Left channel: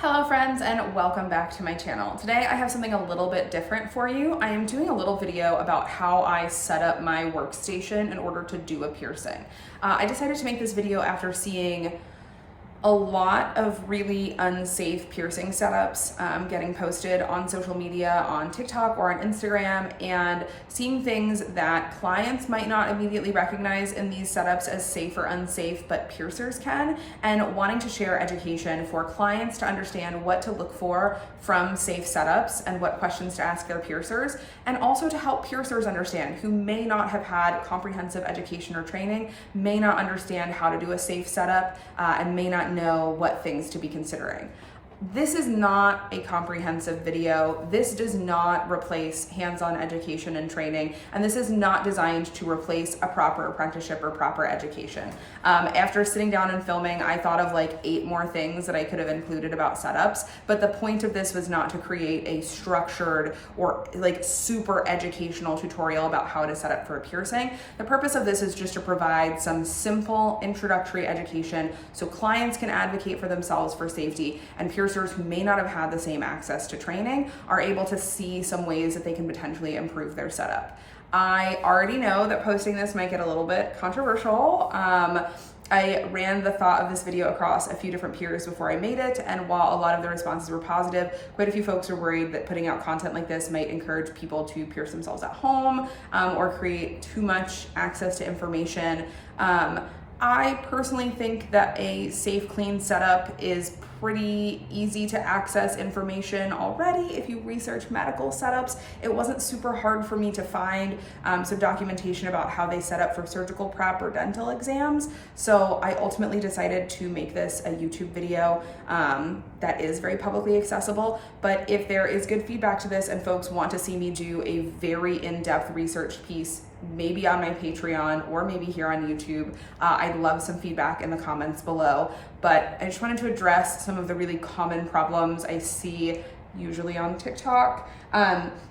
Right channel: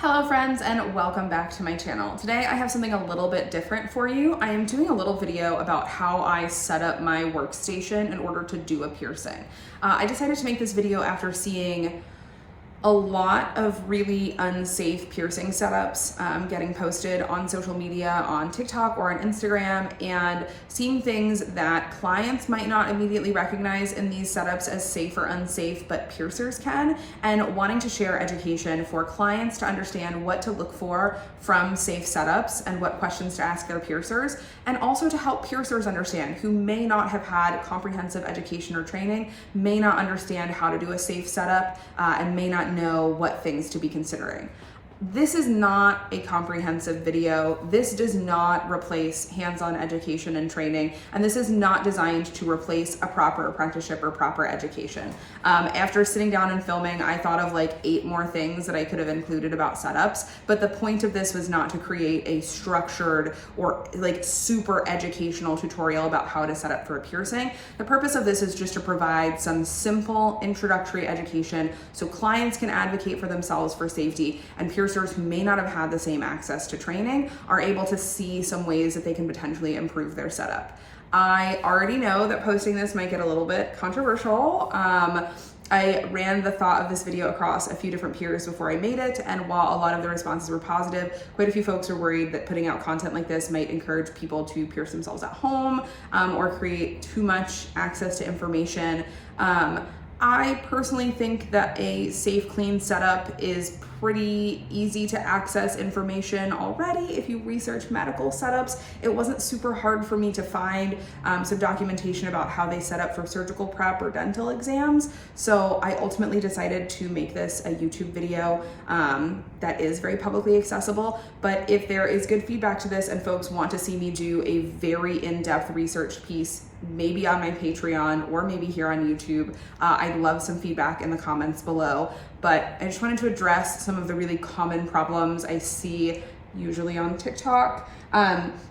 Hello friends and welcome back to my channel. Today I have something a little bit different for you. I am doing a little video about how I set up my workstation in order to do a piercing. I decided to make this video after seeing a lot of really unsafe piercing setups getting posted on social media, on TikTok or on Instagram, and seeing things that clients might not immediately recognize in these setups as safe or unsafe, but piercers can, and wanting to share education for clients to understand what to look for from safe setups and what questions to ask their piercers, and also to help piercers understand who may not have had comprehensive education or training, may not understand how to do a safe setup, and may not know what things to be considering. This is not a comprehensive video. This does not replace hands-on education and training, and this is not designed to replace a proper apprenticeship or proper education. After sitting down and filming, I thought of like 8 more things that I could have included about setups, but the point of this was not to create a structured or like super educational tutorial about how to set up for a piercing. The purpose of this is just to provide some simple introductory education so clients can advocate for themselves for safety, and piercers who may not have had the same access to training are able to see some ways that they can potentially improve their setup. I already know that posting this might get a little bit controversial. I ran the thought of this video across a few different peers before I made it, and while a lot of the responses were positive, quite a few folks are worried that putting out content like this might encourage people to pierce themselves at home or create too much access to information. I personally think that a safe, clean setup is pretty easy to access information already. If you research medical setups, it wasn't super hard for me to find some documentation about how they set up for surgical prep or dental exams. So I ultimately decided to make this a YouTube video that is very publicly accessible. But if there is good feedback to this and folks want to see me do a very in-depth research piece, maybe on my Patreon or maybe here on YouTube, I'd love some feedback in the comments below. But I just wanted to address some of the really common problems I see usually on TikTok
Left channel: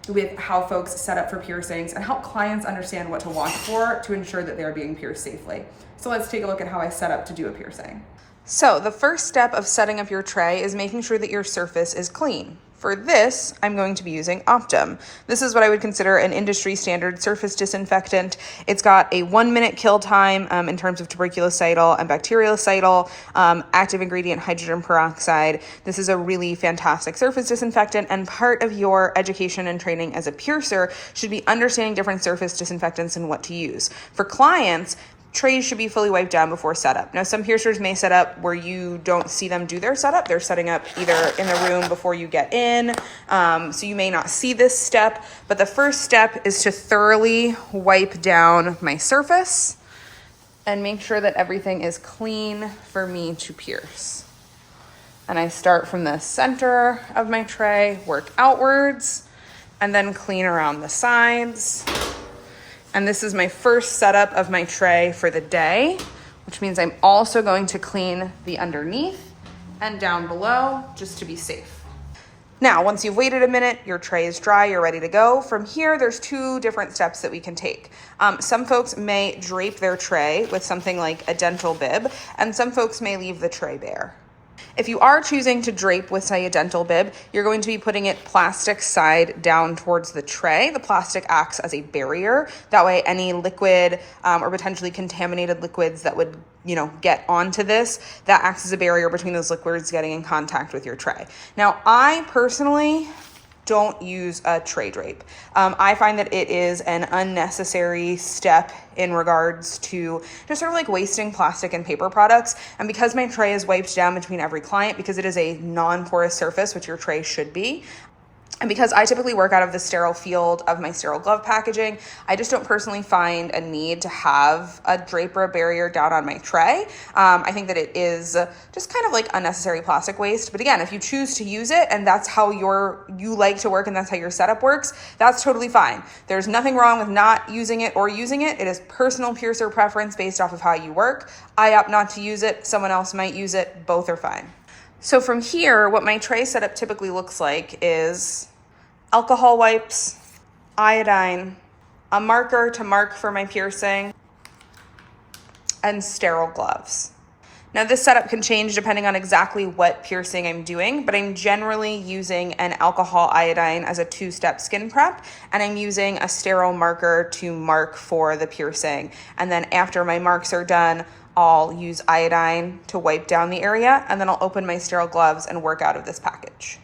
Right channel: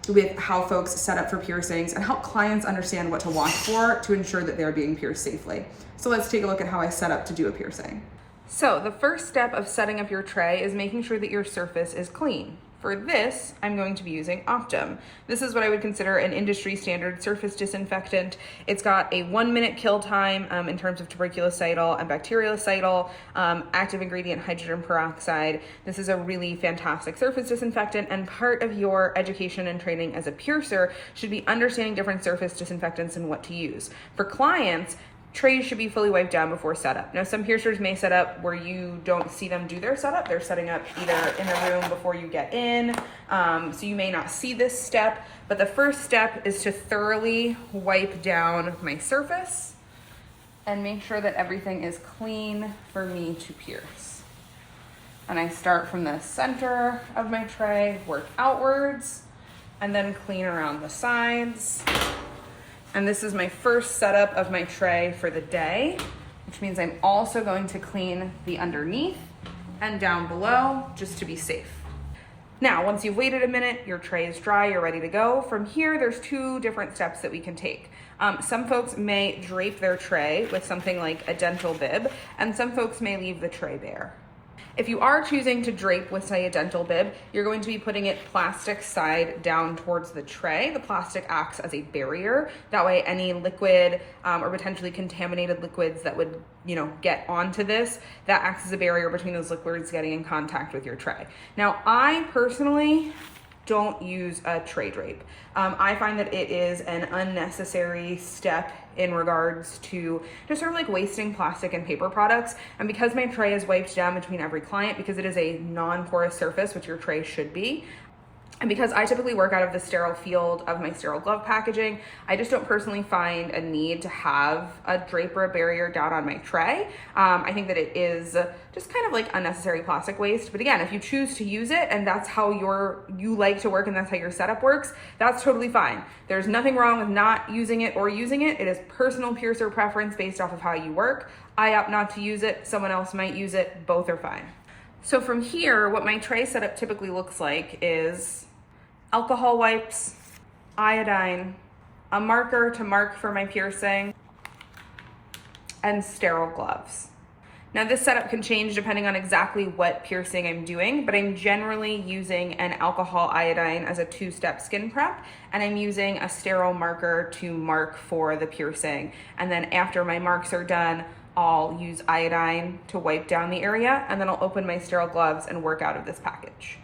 with how folks set up for piercings and help clients understand what to watch for to ensure that they're being pierced safely. So let's take a look at how I set up to do a piercing. So the first step of setting up your tray is making sure that your surface is clean. For this, I'm going to be using Optum. This is what I would consider an industry standard surface disinfectant. It's got a 1-minute kill time in terms of tuberculocidal and bactericidal, active ingredient hydrogen peroxide. This is a really fantastic surface disinfectant, and part of your education and training as a piercer should be understanding different surface disinfectants and what to use. For clients, trays should be fully wiped down before setup. Now, some piercers may set up where you don't see them do their setup. They're setting up either in the room before you get in, so you may not see this step. But the first step is to thoroughly wipe down my surface and make sure that everything is clean for me to pierce. And I start from the center of my tray, work outwards, and then clean around the sides. And this is my first setup of my tray for the day, which means I'm also going to clean the underneath and down below just to be safe. Now, once you've waited a minute, your tray is dry, you're ready to go. From here, there's 2 different steps that we can take. Some folks may drape their tray with something like a dental bib, and some folks may leave the tray bare. If you are choosing to drape with, say, a dental bib, you're going to be putting it plastic side down towards the tray. The plastic acts as a barrier. That way, any liquid or potentially contaminated liquids that would, get onto this, that acts as a barrier between those liquids getting in contact with your tray. Now, I personally don't use a tray drape. I find that it is an unnecessary step in regards to just sort of like wasting plastic and paper products. And because my tray is wiped down between every client, because it is a non-porous surface, which your tray should be, and because I typically work out of the sterile field of my sterile glove packaging, I just don't personally find a need to have a drape or a barrier down on my tray. I think that it is just kind of like unnecessary plastic waste. But again, if you choose to use it and that's how you like to work and that's how your setup works, that's totally fine. There's nothing wrong with not using it or using it. It is personal piercer preference based off of how you work. I opt not to use it. Someone else might use it. Both are fine. So from here, what my tray setup typically looks like is alcohol wipes, iodine, a marker to mark for my piercing, and sterile gloves. Now this setup can change depending on exactly what piercing I'm doing, but I'm generally using an alcohol iodine as a 2-step skin prep, and I'm using a sterile marker to mark for the piercing. And then after my marks are done, I'll use iodine to wipe down the area, and then I'll open my sterile gloves and work out of this package.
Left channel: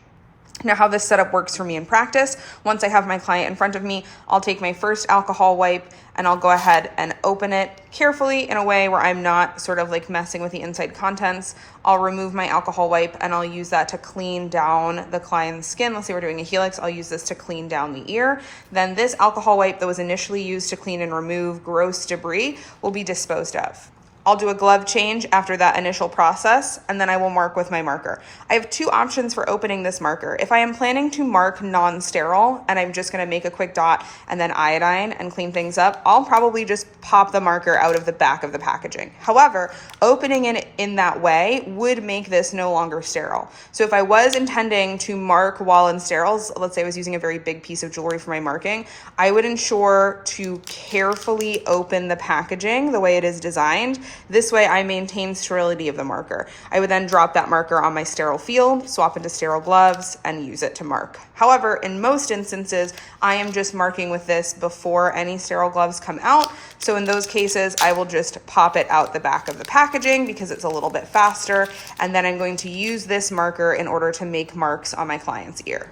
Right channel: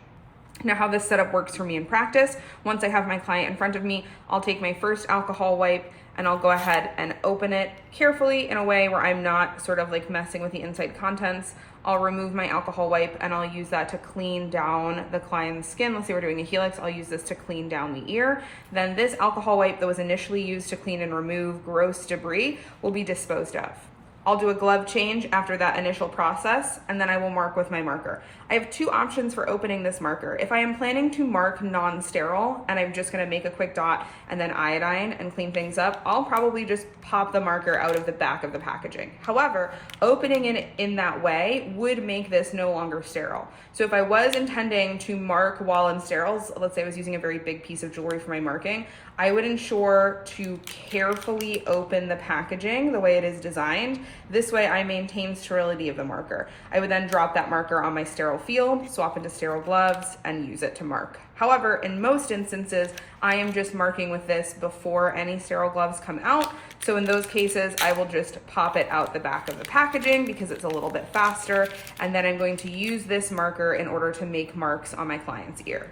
Now, how this setup works for me in practice, once I have my client in front of me, I'll take my first alcohol wipe and I'll go ahead and open it carefully in a way where I'm not sort of like messing with the inside contents. I'll remove my alcohol wipe and I'll use that to clean down the client's skin. Let's say we're doing a helix, I'll use this to clean down the ear. Then this alcohol wipe that was initially used to clean and remove gross debris will be disposed of. I'll do a glove change after that initial process, and then I will mark with my marker. I have 2 options for opening this marker. If I am planning to mark non-sterile and I'm just gonna make a quick dot and then iodine and clean things up, I'll probably just pop the marker out of the back of the packaging. However, opening it in that way would make this no longer sterile. So if I was intending to mark while in steriles, let's say I was using a very big piece of jewelry for my marking, I would ensure to carefully open the packaging the way it is designed. This way I maintain sterility of the marker. I would then drop that marker on my sterile field, swap into sterile gloves, and use it to mark. However, in most instances, I am just marking with this before any sterile gloves come out. So in those cases, I will just pop it out the back of the packaging because it's a little bit faster. And then I'm going to use this marker in order to make marks on my client's ear.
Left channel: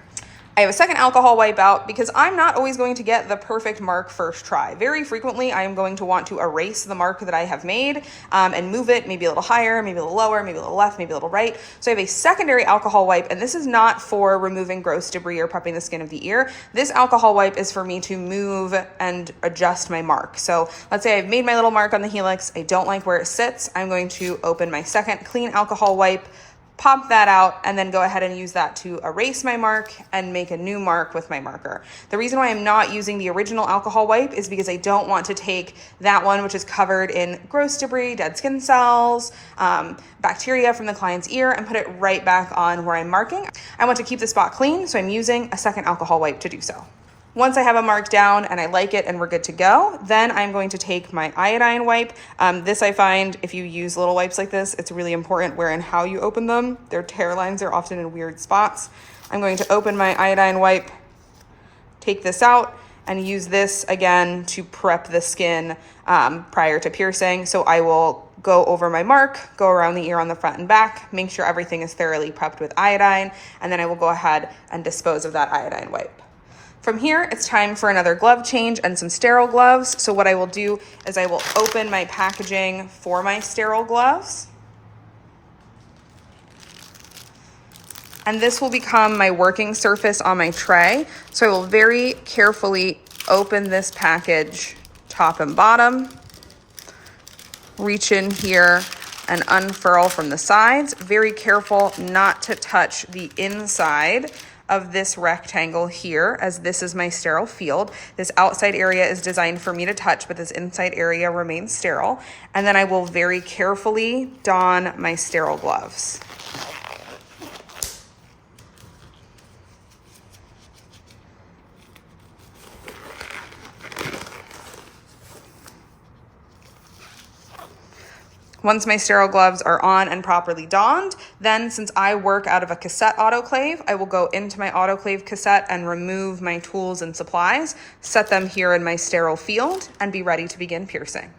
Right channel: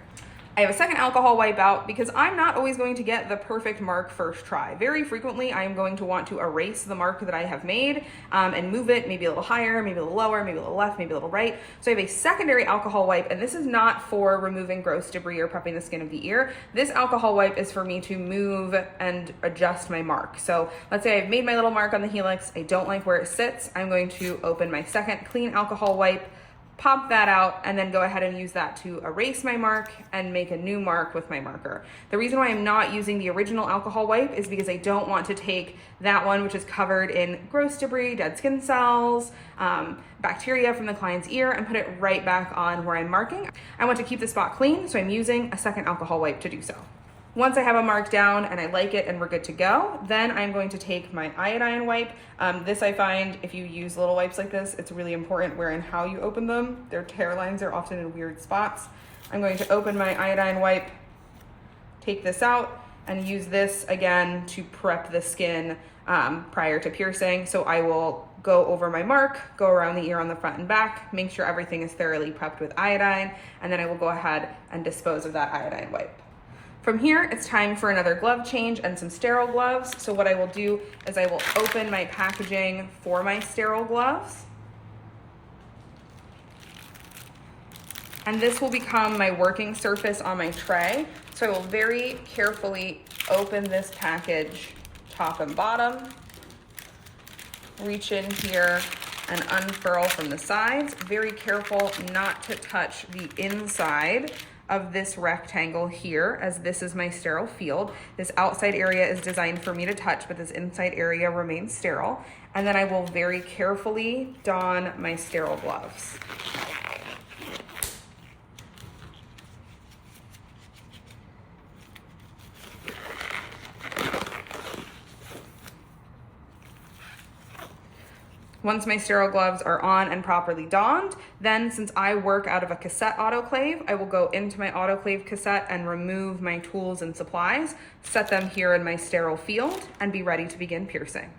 I have a second alcohol wipe out because I'm not always going to get the perfect mark first try. Very frequently, I am going to want to erase the mark that I have made and move it maybe a little higher, maybe a little lower, maybe a little left, maybe a little right. So I have a secondary alcohol wipe, and this is not for removing gross debris or prepping the skin of the ear. This alcohol wipe is for me to move and adjust my mark. So let's say I've made my little mark on the helix. I don't like where it sits. I'm going to open my second clean alcohol wipe, pop that out, and then go ahead and use that to erase my mark and make a new mark with my marker. The reason why I'm not using the original alcohol wipe is because I don't want to take that one, which is covered in gross debris, dead skin cells, bacteria from the client's ear, and put it right back on where I'm marking. I want to keep the spot clean, so I'm using a second alcohol wipe to do so. Once I have a mark down and I like it and we're good to go, then I'm going to take my iodine wipe. This I find if you use little wipes like this, it's really important where and how you open them. Their tear lines are often in weird spots. I'm going to open my iodine wipe, take this out, and use this again to prep the skin prior to piercing. So I will go over my mark, go around the ear on the front and back, make sure everything is thoroughly prepped with iodine, and then I will go ahead and dispose of that iodine wipe. From here, it's time for another glove change and some sterile gloves. So what I will do is I will open my packaging for my sterile gloves. And this will become my working surface on my tray. So I will very carefully open this package top and bottom, reach in here and unfurl from the sides. Very careful not to touch the inside of this rectangle here, as this is my sterile field. This outside area is designed for me to touch, but this inside area remains sterile. And then I will very carefully don my sterile gloves. Once my sterile gloves are on and properly donned, then since I work out of a cassette autoclave, I will go into my autoclave cassette and remove my tools and supplies, set them here in my sterile field, and be ready to begin piercing.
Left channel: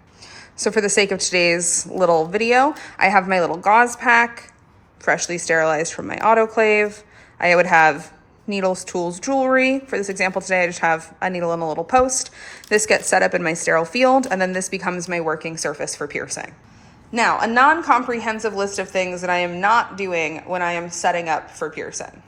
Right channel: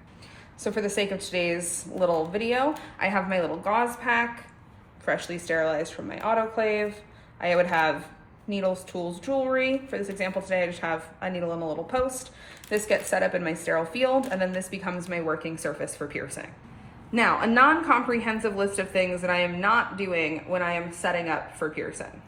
So for the sake of today's little video, I have my little gauze pack, freshly sterilized from my autoclave. I would have needles, tools, jewelry. For this example today, I just have a needle and a little post. This gets set up in my sterile field, and then this becomes my working surface for piercing. Now, a non-comprehensive list of things that I am not doing when I am setting up for piercing.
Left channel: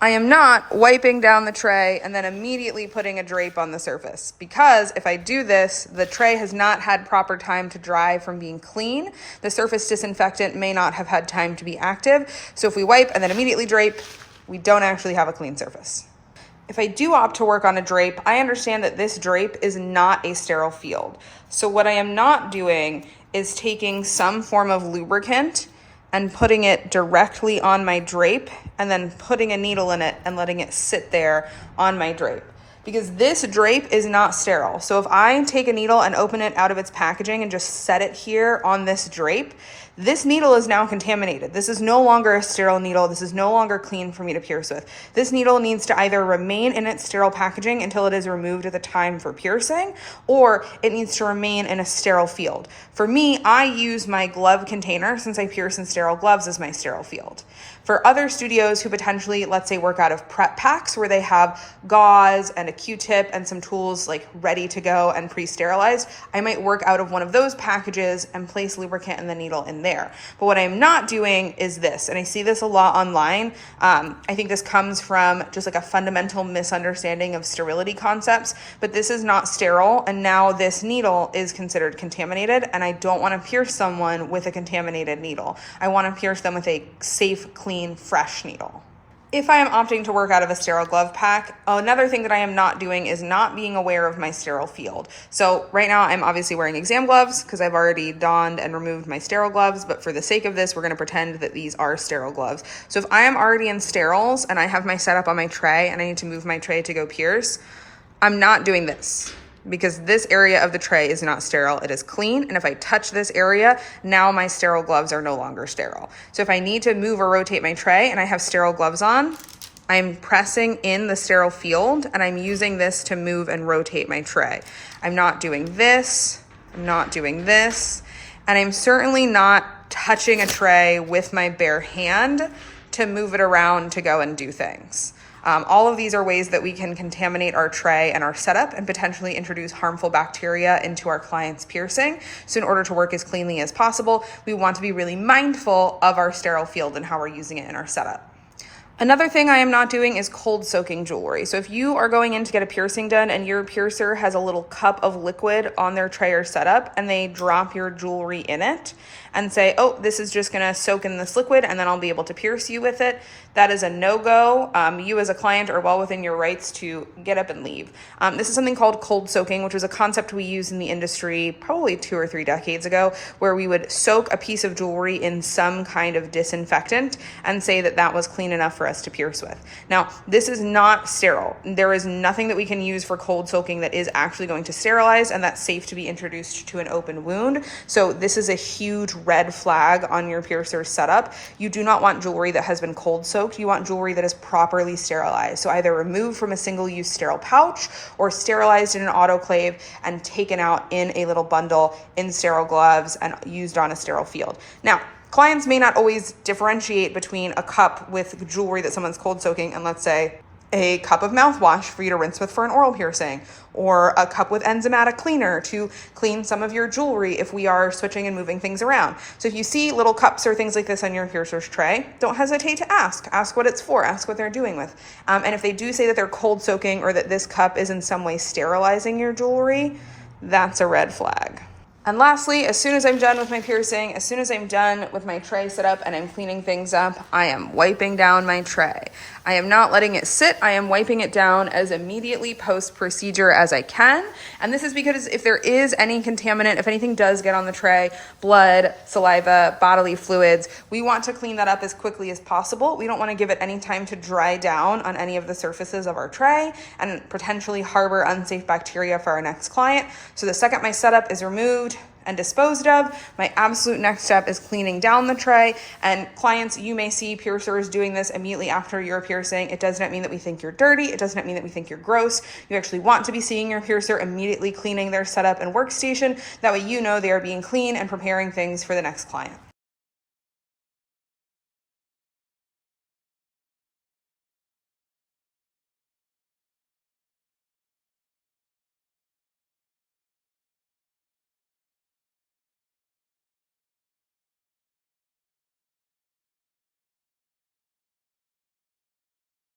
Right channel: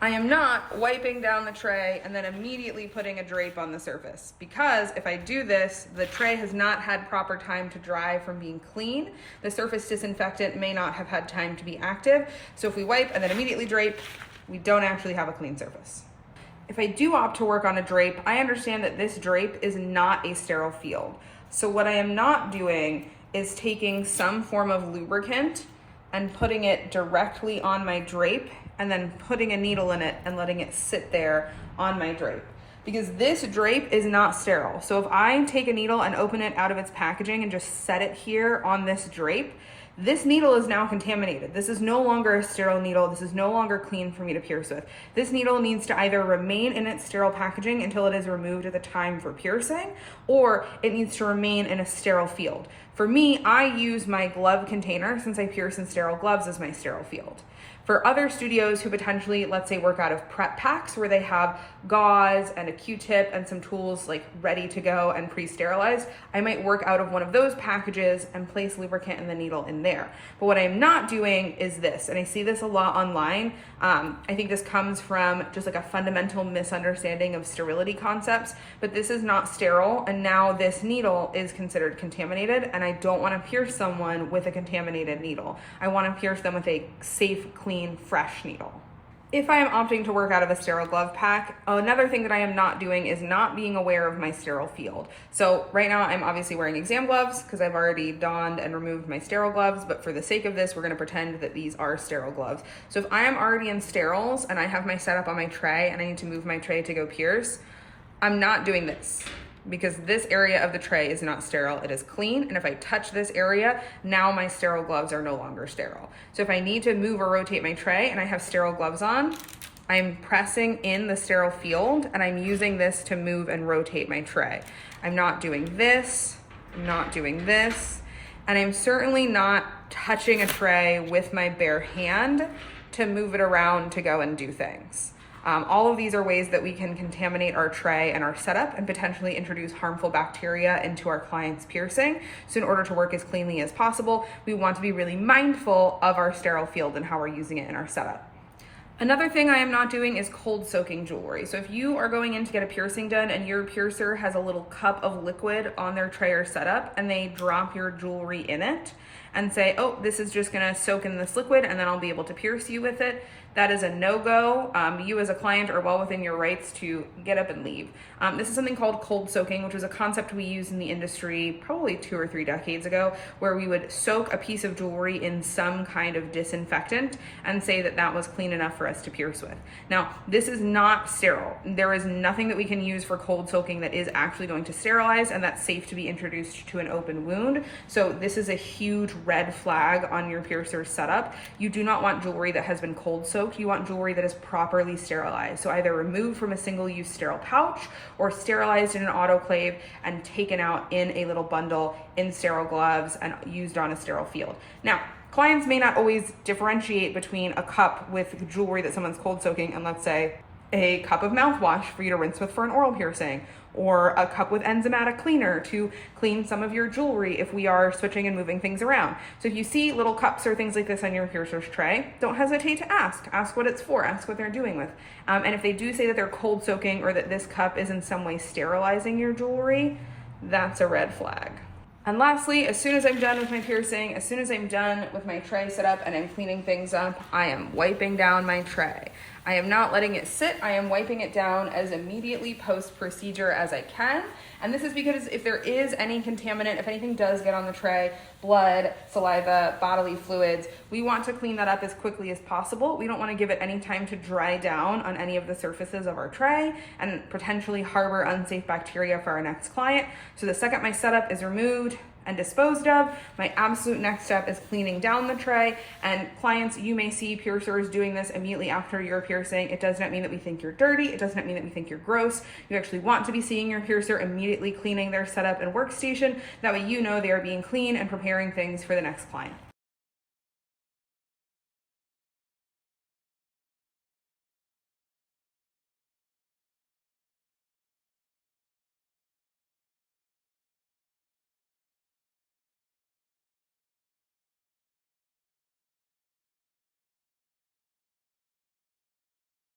I am not wiping down the tray and then immediately putting a drape on the surface, because if I do this, the tray has not had proper time to dry from being clean. The surface disinfectant may not have had time to be active. So if we wipe and then immediately drape, we don't actually have a clean surface. If I do opt to work on a drape, I understand that this drape is not a sterile field. So what I am not doing is taking some form of lubricant and putting it directly on my drape and then putting a needle in it and letting it sit there on my drape. Because this drape is not sterile. So if I take a needle and open it out of its packaging and just set it here on this drape, this needle is now contaminated. This is no longer a sterile needle. This is no longer clean for me to pierce with. This needle needs to either remain in its sterile packaging until it is removed at the time for piercing, or it needs to remain in a sterile field. For me, I use my glove container, since I pierce in sterile gloves, as my sterile field. For other studios who potentially, let's say, work out of prep packs where they have gauze and a Q-tip and some tools like ready to go and pre-sterilized, I might work out of one of those packages and place lubricant and the needle in there. But what I'm not doing is this, and I see this a lot online. I think this comes from just like a fundamental misunderstanding of sterility concepts, but this is not sterile, and now this needle is considered contaminated, and I don't want to pierce someone with a contaminated needle. I want to pierce them with a safe, clean, fresh needle. If I am opting to work out of a sterile glove pack, another thing that I am not doing is not being aware of my sterile field. So right now I'm obviously wearing exam gloves because I've already donned and removed my sterile gloves, but for the sake of this, we're gonna pretend that these are sterile gloves. So if I am already in steriles and I have my setup on my tray and I need to move my tray to go pierce, I'm not doing this, because this area of the tray is not sterile, it is clean. And if I touch this area, now my sterile gloves are no longer sterile. So if I need to move or rotate my tray and I have sterile gloves on, I'm pressing in the sterile field and I'm using this to move and rotate my tray. I'm not doing this, I'm not doing this, and I'm certainly not touching a tray with my bare hand to move it around to go and do things. All of these are ways that we can contaminate our tray and our setup and potentially introduce harmful bacteria into our client's piercing. So in order to work as cleanly as possible, we want to be really mindful of our sterile field and how we're using it in our setup. Another thing I am not doing is cold soaking jewelry. So if you are going in to get a piercing done and your piercer has a little cup of liquid on their tray or setup and they drop your jewelry in it and say, oh, this is just gonna soak in this liquid and then I'll be able to pierce you with it, that is a no-go. You as a client are well within your rights to get up and leave. This is something called cold soaking, which was a concept we used in the industry probably 2 or 3 decades ago, where we would soak a piece of jewelry in some kind of disinfectant and say that that was clean enough for us to pierce with. Now, this is not sterile. There is nothing that we can use for cold soaking that is actually going to sterilize and that's safe to be introduced to an open wound. So this is a huge red flag on your piercer's setup. You do not want jewelry that has been cold soaked. You want jewelry that is properly sterilized. So either removed from a single-use sterile pouch or sterilized in an autoclave and taken out in a little bundle in sterile gloves and used on a sterile field. Now, clients may not always differentiate between a cup with jewelry that someone's cold soaking and, let's say, a cup of mouthwash for you to rinse with for an oral piercing, or a cup with enzymatic cleaner to clean some of your jewelry if we are switching and moving things around. So if you see little cups or things like this on your piercer's tray, don't hesitate to ask. Ask what it's for, ask what they're doing with. And if they do say that they're cold soaking or that this cup is in some way sterilizing your jewelry, that's a red flag. And lastly, as soon as I'm done with my piercing, as soon as I'm done with my tray setup and I'm cleaning things up, I am wiping down my tray. I am not letting it sit. I am wiping it down as immediately post-procedure as I can. And this is because if there is any contaminant, if anything does get on the tray, blood, saliva, bodily fluids, we want to clean that up as quickly as possible. We don't want to give it any time to dry down on any of the surfaces of our tray and potentially harbor unsafe bacteria for our next client. So the second my setup is removed and disposed of, my absolute next step is cleaning down the tray. And clients, you may see piercers doing this immediately after your piercing. It does not mean that we think you're dirty. It does not mean that we think you're gross. You actually want to be seeing your piercer immediately cleaning their setup and workstation. That way you know they are being clean and preparing things for the next client.